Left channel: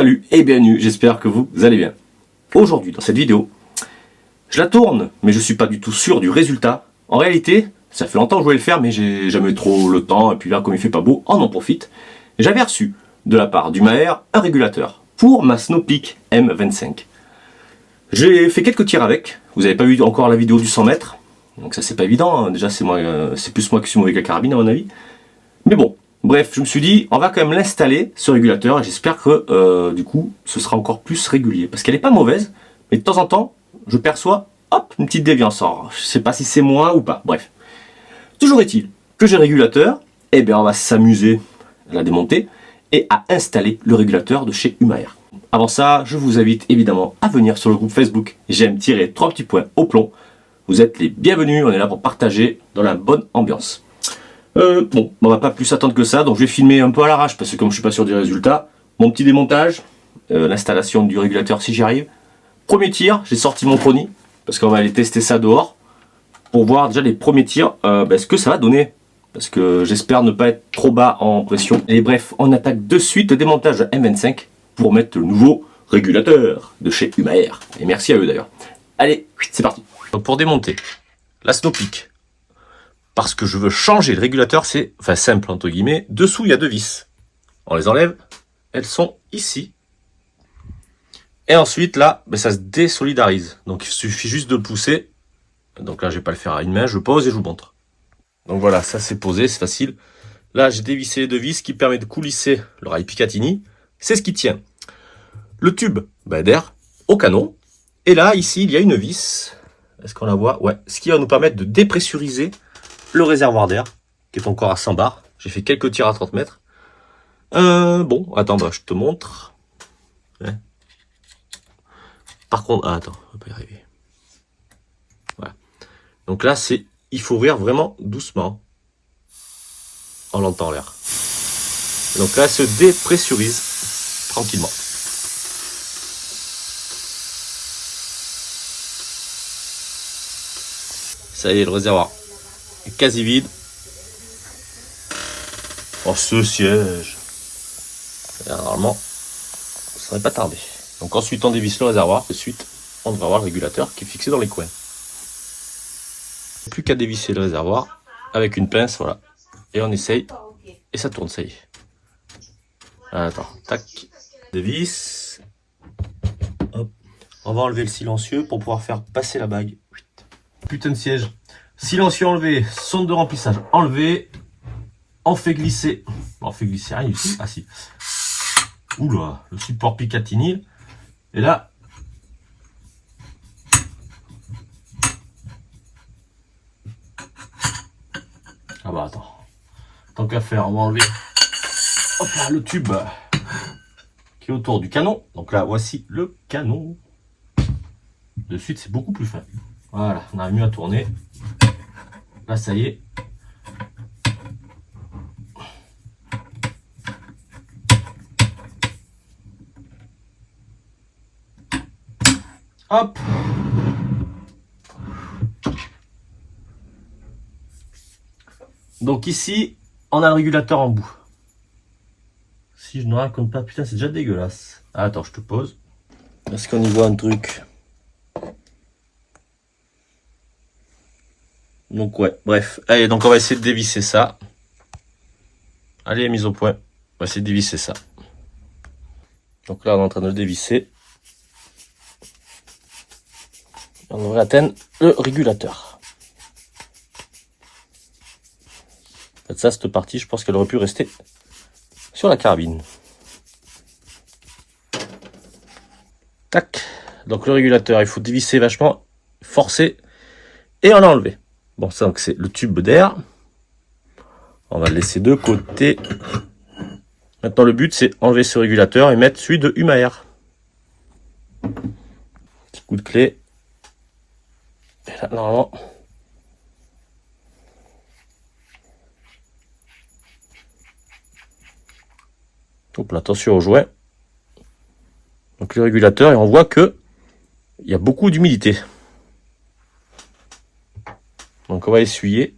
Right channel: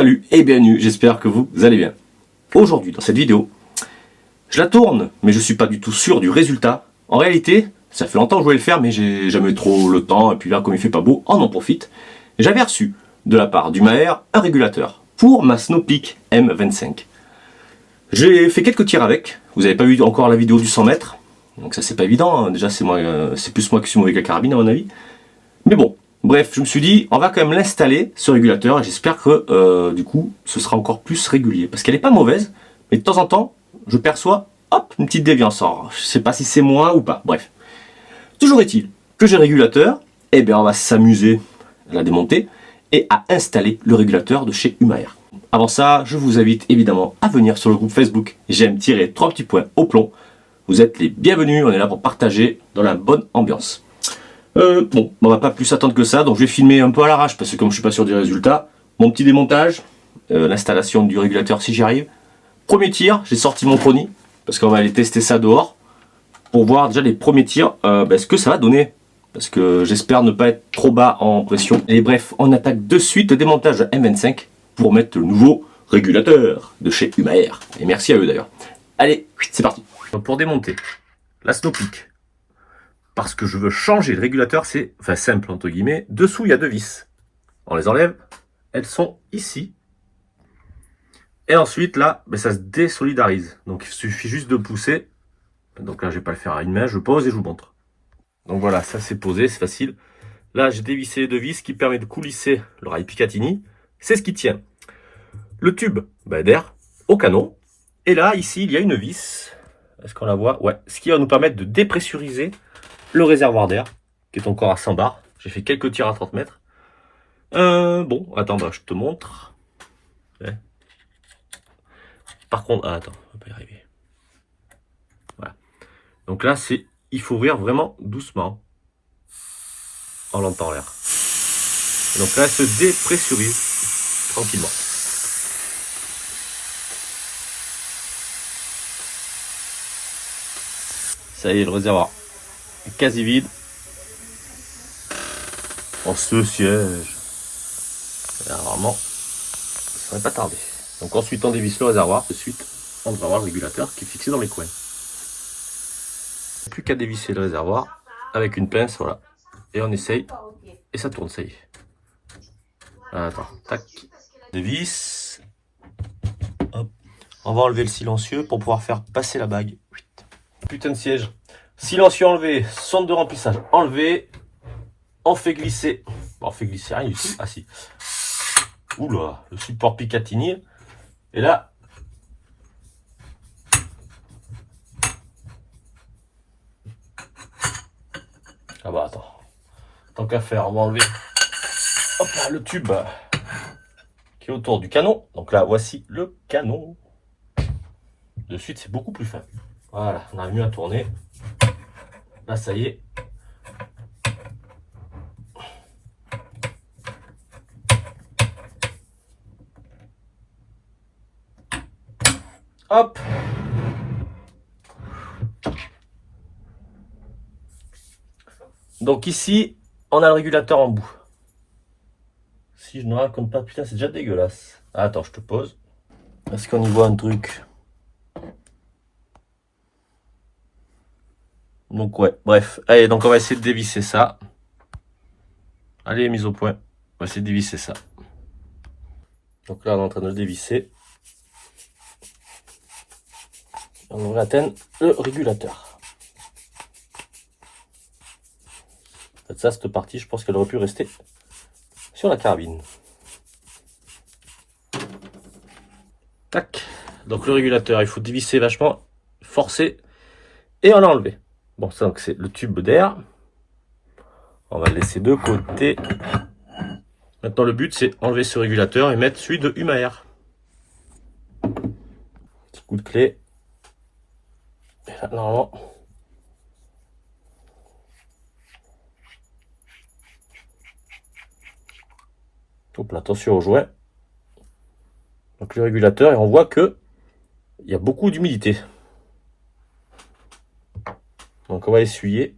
Salut et bienvenue, j'espère que vous allez bien. Aujourd'hui, dans cette vidéo, je la tourne, mais je suis pas du tout sûr du résultat. En réalité, ça fait longtemps que je voulais le faire, mais j'ai jamais trop le temps, et puis là, comme il fait pas beau, on en profite. J'avais reçu, de la part du Maher, un régulateur pour ma Snowpeak M25. J'ai fait quelques tirs avec, vous n'avez pas vu encore la vidéo du 100 mètres, donc ça c'est pas évident, hein. Déjà c'est plus moi qui suis mauvais avec la carabine à mon avis. Mais bon, bref, je me suis dit, on va quand même l'installer, ce régulateur, et j'espère que du coup, ce sera encore plus régulier. Parce qu'elle n'est pas mauvaise, mais de temps en temps, je perçois, hop, une petite déviance. Alors, je sais pas si c'est moi ou pas, bref. Toujours est-il que j'ai le régulateur, et bien on va s'amuser à la démonter, et à installer le régulateur de chez Umaer. Avant ça, je vous invite évidemment à venir sur le groupe Facebook J'aime-3 petits points au plomb. Vous êtes les bienvenus, on est là pour partager dans la bonne ambiance. Bon, on va pas plus attendre que ça, donc je vais filmer un peu à l'arrache parce que comme je suis pas sûr du résultat, mon petit démontage, l'installation du régulateur si j'y arrive. Premier tir, j'ai sorti mon Prony parce qu'on va aller tester ça dehors pour voir déjà les premiers tirs, ce que ça va donner. Parce que j'espère ne pas être trop bas en pression. Et bref, on attaque de suite le démontage de M25 pour mettre le nouveau régulateur de chez Umaer. Et merci à eux d'ailleurs. Allez, c'est parti. Donc pour démonter la Snowpeak, parce que je veux changer le régulateur, c'est enfin simple entre guillemets. Dessous, il y a deux vis. On les enlève. Elles sont ici. Et ensuite, là, ça se désolidarise. Donc, il suffit juste de pousser. Donc là, je vais pas le faire à une main. Je pose et je vous montre. Donc voilà, ça c'est posé, c'est facile. Là, j'ai dévissé les deux vis qui permet de coulisser le rail Picatinny. C'est ce qui tient le tube d'air au canon. Et là, ici, il y a une vis. Est-ce qu'on la voit? Ouais. Ce qui va nous permettre de dépressuriser le réservoir d'air, qui est encore à 100 bars. J'ai fait quelques tirs à 30 mètres. Bon, attends, je te montre. Ouais. Par contre, attends, on va pas y arriver. Voilà. Donc là, il faut ouvrir vraiment doucement. On l'entend l'air. Donc là, elle se dépressurise tranquillement. Ça y est, le réservoir est quasi vide. Oh, ce siège. Et là, normalement, ça ne va pas tarder. Donc ensuite, on dévisse le réservoir. Ensuite, on devra avoir le régulateur qui est fixé dans les coins. Plus qu'à dévisser le réservoir avec une pince, voilà. Et on essaye. Et ça tourne, ça y est. Attends, tac. Dévisse. Hop. On va enlever le silencieux pour pouvoir faire passer la bague. Putain de siège. Silencieux enlevé, sonde de remplissage enlevé. On fait glisser. On fait glisser rien du tout. Ah si. Oula, le support Picatinny. Et là. Ah bah attends. Tant qu'à faire, on va enlever hop là, le tube qui est autour du canon. Donc là, voici le canon. De suite, c'est beaucoup plus faible. Voilà, on a mieux à tourner. Là, ça y est. Hop. Donc ici, on a le régulateur en bout. Si je ne raconte pas, putain, c'est déjà dégueulasse. Ah, attends, je te pose. Est-ce qu'on y voit un truc? Donc ouais, bref. Allez, donc on va essayer de dévisser ça. Allez, mise au point. On va essayer de dévisser ça. Donc là, on est en train de le dévisser. On devrait atteindre le régulateur. En fait, ça, cette partie, je pense qu'elle aurait pu rester sur la carabine. Tac. Donc le régulateur, il faut dévisser vachement, forcer et on a enlevé. Bon, ça, donc c'est le tube d'air. On va le laisser de côté. Maintenant, le but, c'est enlever ce régulateur et mettre celui de Umaer. Petit coup de clé. Et là, normalement. Hop là, attention au joint. Donc le régulateur, et on voit que il y a beaucoup d'humidité. Donc on va essuyer.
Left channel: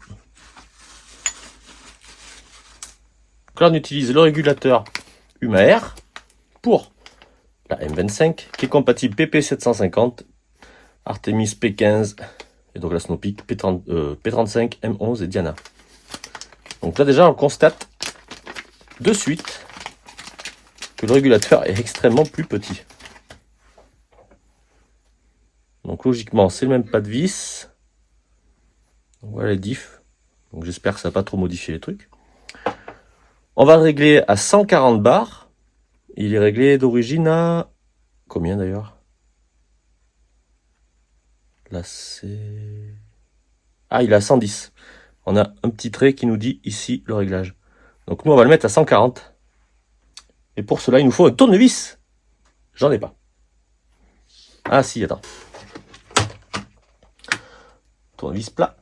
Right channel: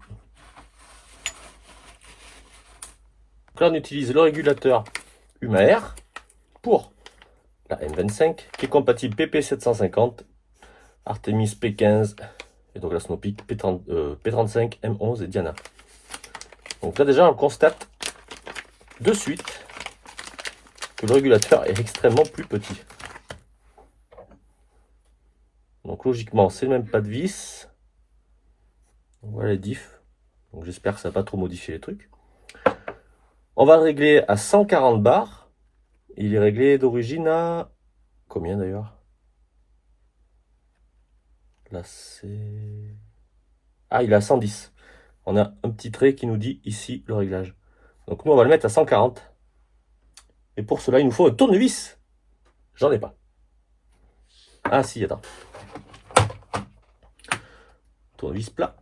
Donc là, on utilise le régulateur Umaer pour la M25, qui est compatible PP750, Artemis P15, et donc la Snowpeak P35, M11 et Diana. Donc là déjà on constate de suite que le régulateur est extrêmement plus petit. Donc logiquement c'est le même pas de vis. Voilà les diffs. Donc j'espère que ça n'a pas trop modifié les trucs. On va le régler à 140 bars. Il est réglé d'origine à... Combien d'ailleurs? Là c'est... Ah, il est à 110. On a un petit trait qui nous dit ici le réglage. Donc nous on va le mettre à 140. Et pour cela il nous faut un tournevis. J'en ai pas. Ah si, attends. Tournevis plat.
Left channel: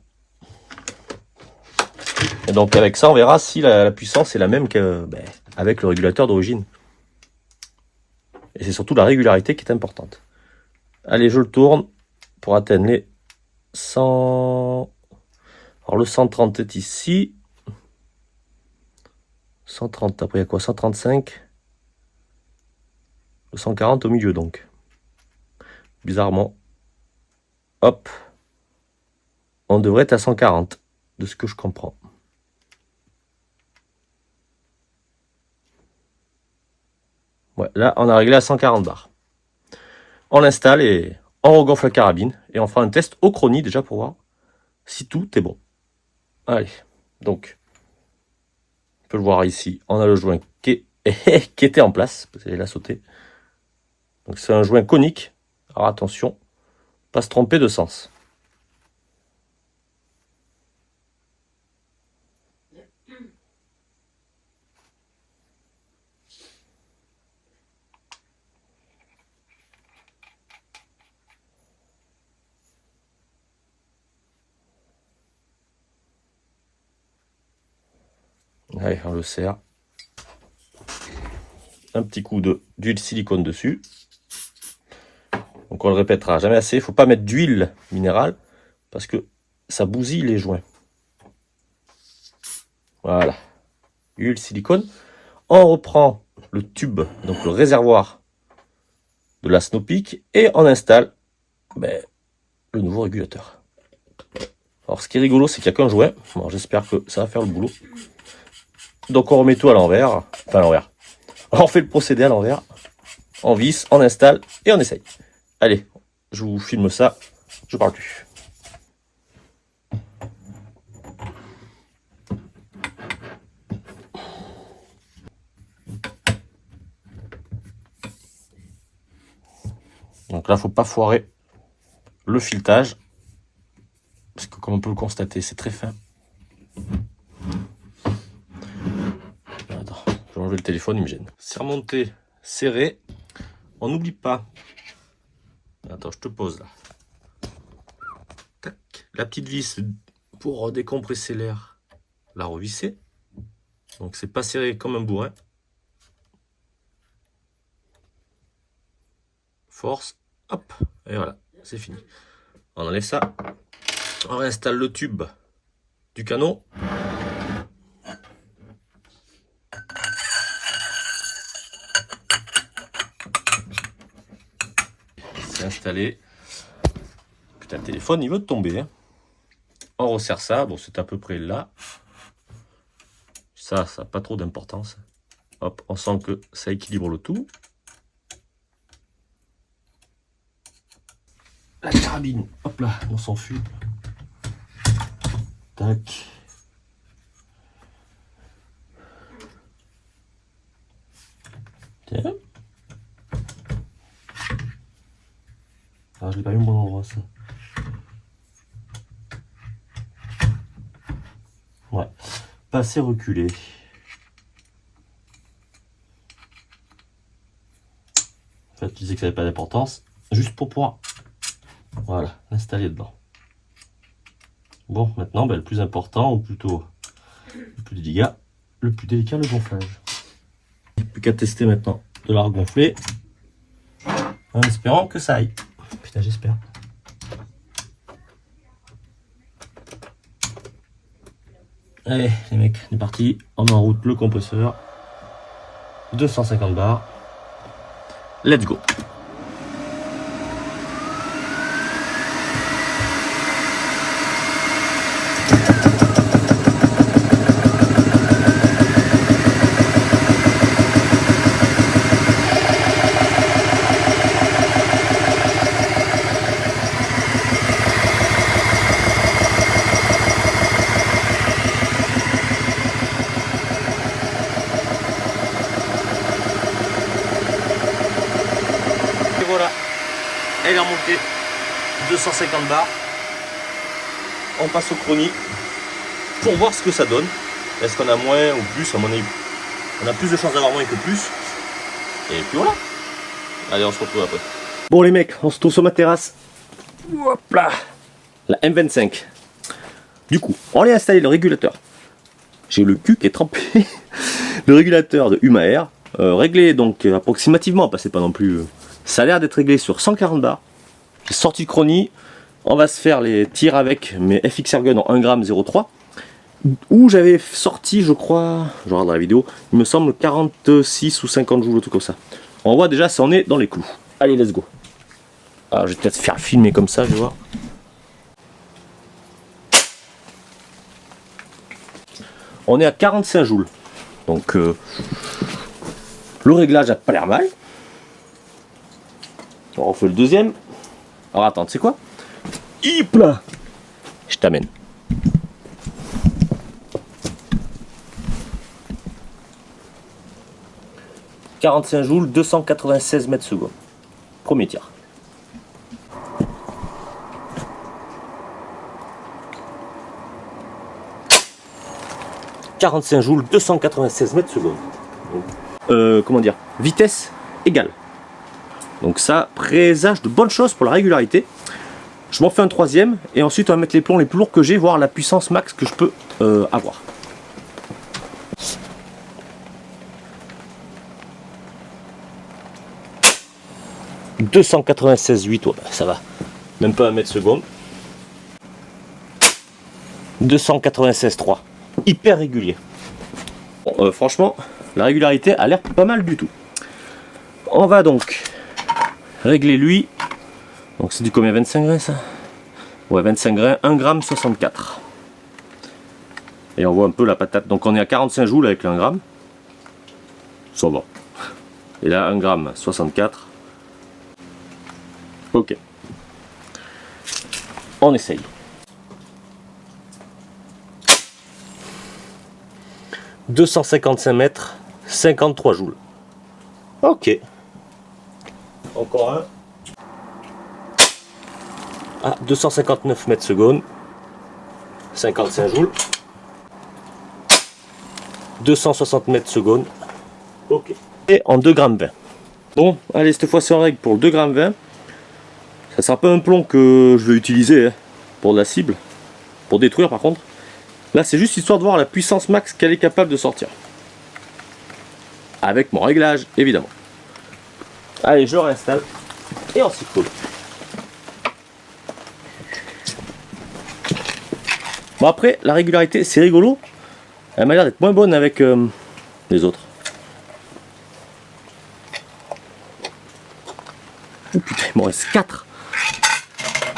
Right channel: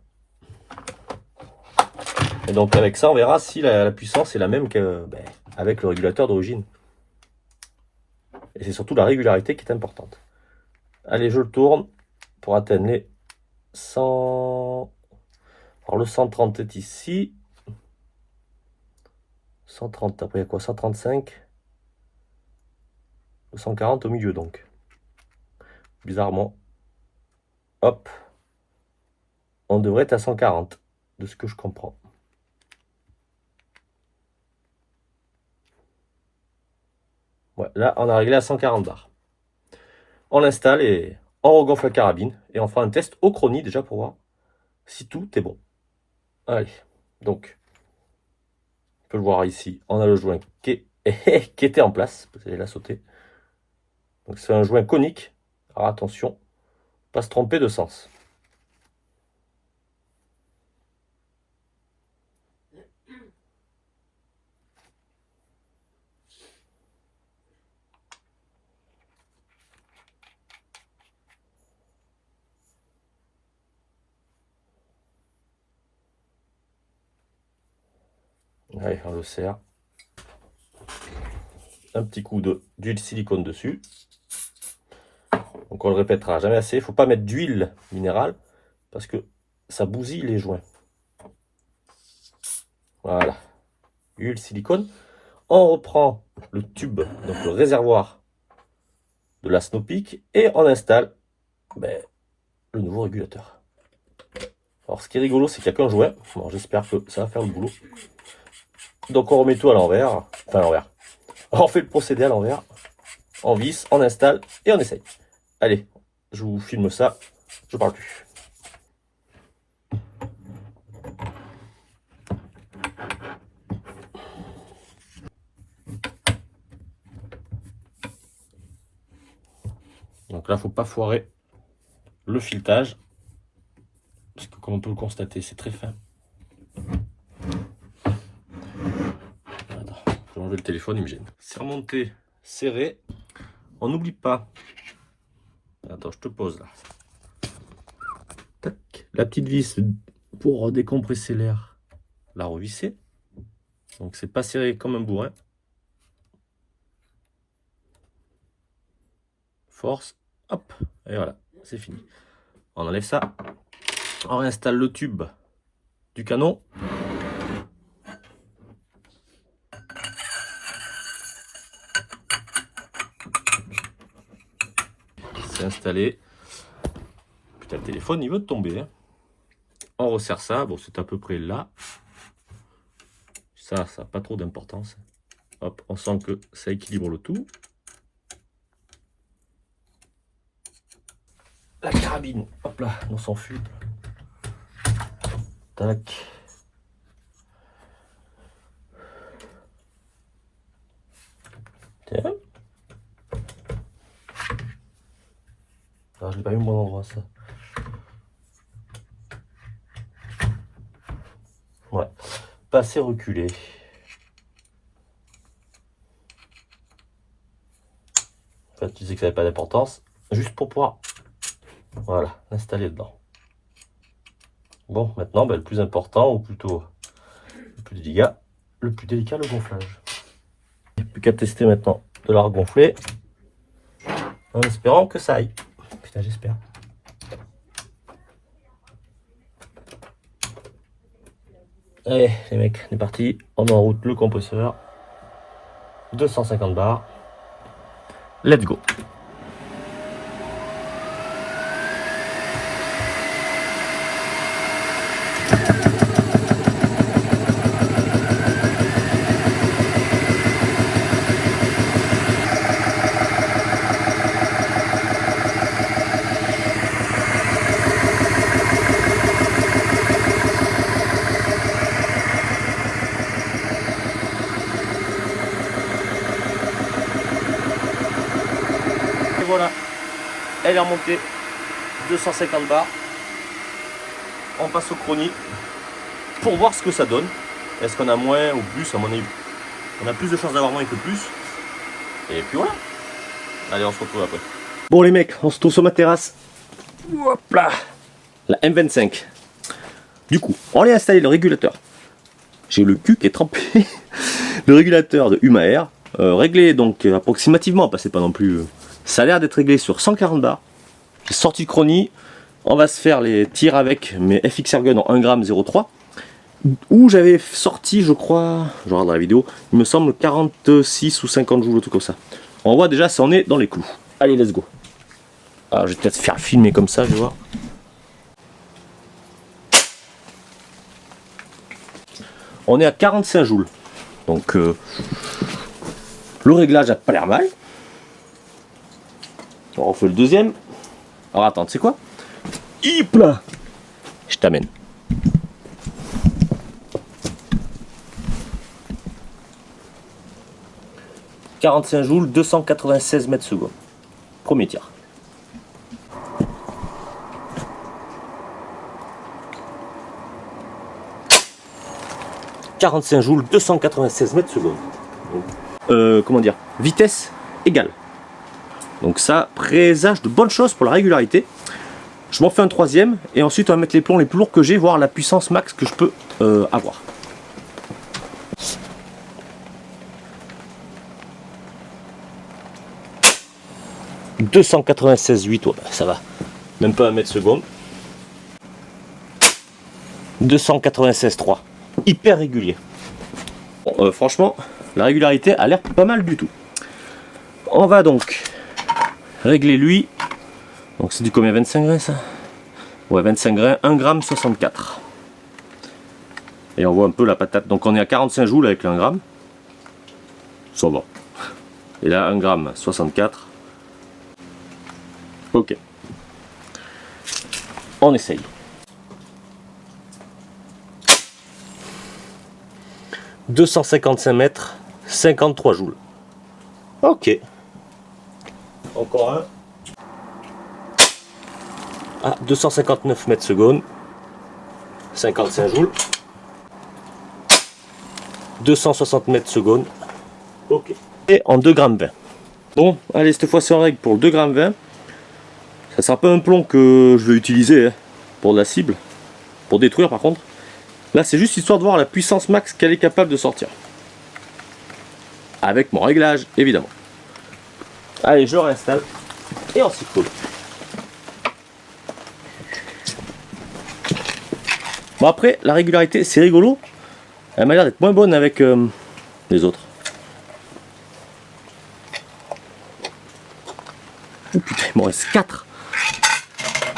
Et donc avec ça on verra si la puissance est la même qu'avec le régulateur d'origine. Et c'est surtout la régularité qui est importante. Allez, je le tourne pour atteindre les 100... Alors le 130 est ici. 130, après il y a quoi? 135. Le 140 au milieu donc. Bizarrement. Hop. On devrait être à 140, de ce que je comprends. Ouais, là on a réglé à 140 bars. On l'installe et on regonfle la carabine. Et on fera un test au chronie déjà pour voir si tout est bon. Allez, donc, on peut le voir ici, on a le joint qui était en place, parce qu'elle a sauté. Donc c'est un joint conique. Alors attention, pas se tromper de sens. Allez, on le serre. Un petit coup d'huile silicone dessus. Donc on le répétera jamais assez. Il ne faut pas mettre d'huile minérale parce que ça bousille les joints. Voilà. Huile silicone. On reprend le tube, donc le réservoir de la Snowpeak, et on installe le nouveau régulateur. Alors ce qui est rigolo, c'est qu'il n'y a qu'un joint. Bon, j'espère que ça va faire le boulot. Donc on remet tout à l'envers. Enfin à l'envers. On fait le procédé à l'envers. On visse, on installe et on essaye. Allez, je vous filme ça. Je parle plus. Donc là, faut pas foirer le filetage. Parce que comme on peut le constater, c'est très fin. Attends, je vais enlever le téléphone, il me gêne. C'est remonté, serré. On n'oublie pas. Attends, je te pose là. Tac. La petite vis pour décompresser l'air, la revisser. Donc c'est pas serré comme un bourrin. Force, hop, et voilà, c'est fini. On enlève ça. On réinstalle le tube du canon. C'est installé. Putain, le téléphone, il veut tomber. Hein. On resserre ça. Bon, c'est à peu près là. Ça n'a pas trop d'importance. Hop, on sent que ça équilibre le tout. La carabine, hop là, on s'enfuit. Tac. Tiens. Ah, je l'ai pas mis au bon endroit, ça. Ouais, pas assez reculé. En fait, tu disais que ça n'avait pas d'importance, juste pour pouvoir, voilà, l'installer dedans. Bon, maintenant, le plus important, ou plutôt le plus délicat, le gonflage. Plus qu'à tester maintenant de la regonfler, en espérant que ça aille. Putain, j'espère. Allez, les mecs, on est parti. On met en route le compresseur. 250 bars. let's go. Et voilà, elle est remontée 250 bars. On passe au chronie pour voir ce que ça donne. Est-ce qu'on a moins ou plus? À mon avis, on a plus de chances d'avoir moins que plus. Et puis voilà. Allez, on se retrouve après. Bon les mecs, on se trouve sur ma terrasse. Hop là, la M25. Du coup, on a installé le régulateur. J'ai le cul qui est trempé. Le régulateur de Huma Air, réglé donc approximativement, parce que c'est pas non plus. Ça a l'air d'être réglé sur 140 bars. J'ai sorti le chronie. On va se faire les tirs avec mes FX Airgun en 1,03 g. Où j'avais sorti, je crois, je regarde la vidéo, il me semble 46 ou 50 joules, tout comme ça. On voit déjà si on est dans les clous. Allez, let's go. Alors, je vais peut-être faire filmer comme ça, je vais voir. On est à 45 joules. Donc, le réglage a pas l'air mal. On refait le deuxième. Alors, attends, tu sais quoi? Hip là, je t'amène. « 45 joules, 296 mètres secondes. » Premier tir. « 45 joules, 296 mètres secondes. » Comment dire? Vitesse égale. Donc ça présage de bonnes choses pour la régularité. Je m'en fais un troisième et ensuite on va mettre les plombs les plus lourds que j'ai, voir la puissance max que je peux avoir. « 296,8 ouais, ça va, même pas 1 mètre seconde. 296,3, hyper régulier. Bon, franchement, la régularité a l'air pas mal du tout. On va donc régler lui. Donc c'est du combien? 25 grains ça? Ouais, 25 grains, 1,64 g. Et on voit un peu la patate. Donc on est à 45 joules avec le 1 gramme. Ça va. Et là 1,64 g. Ok. On essaye. « 255 mètres, 53 joules. » Ok. Encore un. Ah, 259 mètres secondes, 55 joules, 260 mètres secondes, ok. Et en 2,20 g. Bon, allez, cette fois-ci on règle pour le 2,20 g. Ça sera pas un plomb que je vais utiliser hein, pour de la cible, pour détruire par contre. Là, c'est juste histoire de voir la puissance max qu'elle est capable de sortir. Avec mon réglage, évidemment. Allez, je le réinstalle et on s'y colle. Bon après, la régularité, c'est rigolo. Elle m'a l'air d'être moins bonne avec les autres. Oh putain, il m'en reste 4.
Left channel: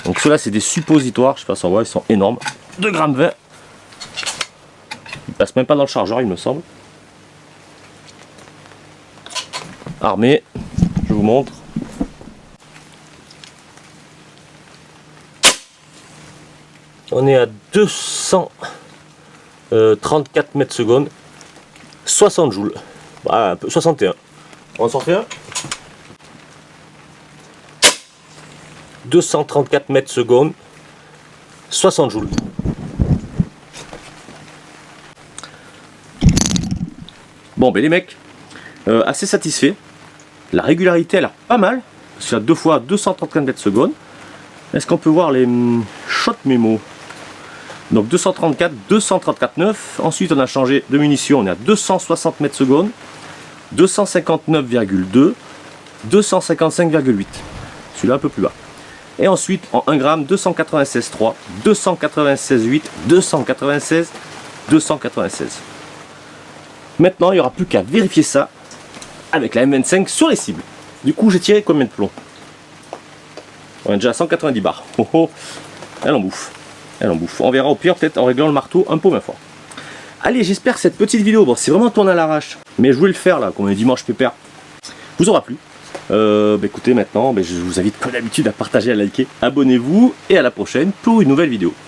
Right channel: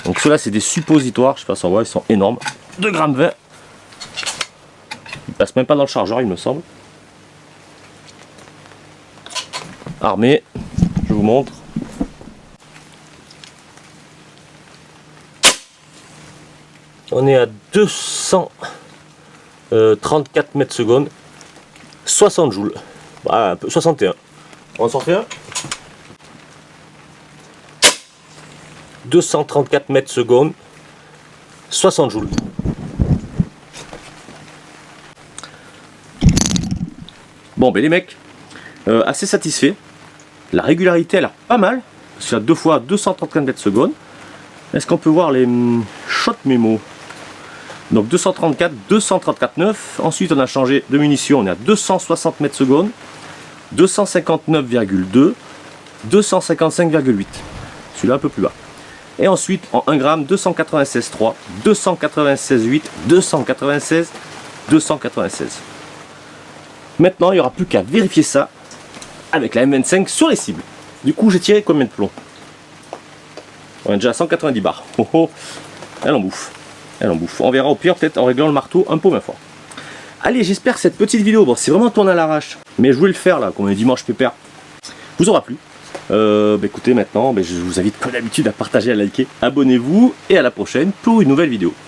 Donc ceux-là, c'est des suppositoires. Je sais pas si on voit, ils sont énormes. 2,20 g. Ils passent même pas dans le chargeur, il me semble. Armé, je vous montre. On est à 234 mètres secondes, 60 joules, bah, un peu, 61. On s'en fait un. 234 mètres secondes, 60 joules. Bon, ben les mecs, assez satisfait. La régularité, elle a pas mal. C'est à 2 fois 234 mètres secondes. Est-ce qu'on peut voir les shot mémo? Donc 234, 234,9. Ensuite, on a changé de munition. On est à 260 mètres secondes, 259,2, 255,8. Celui-là un peu plus bas. Et ensuite, en 1 gramme, 296,3, 296,8, 296, 296. Maintenant, il n'y aura plus qu'à vérifier ça avec la M25 sur les cibles. Du coup, j'ai tiré combien de plombs? On est déjà à 190 bars. Oh oh, elle en bouffe. Elle en bouffe. On verra au pire, peut-être en réglant le marteau un peu moins fort. Allez, j'espère que cette petite vidéo, bon, c'est vraiment tourné à l'arrache, mais je voulais le faire là, comme on est dimanche pépère, vous aura plu. Écoutez, maintenant, je vous invite comme d'habitude à partager, à liker, abonnez-vous et à la prochaine pour une nouvelle vidéo.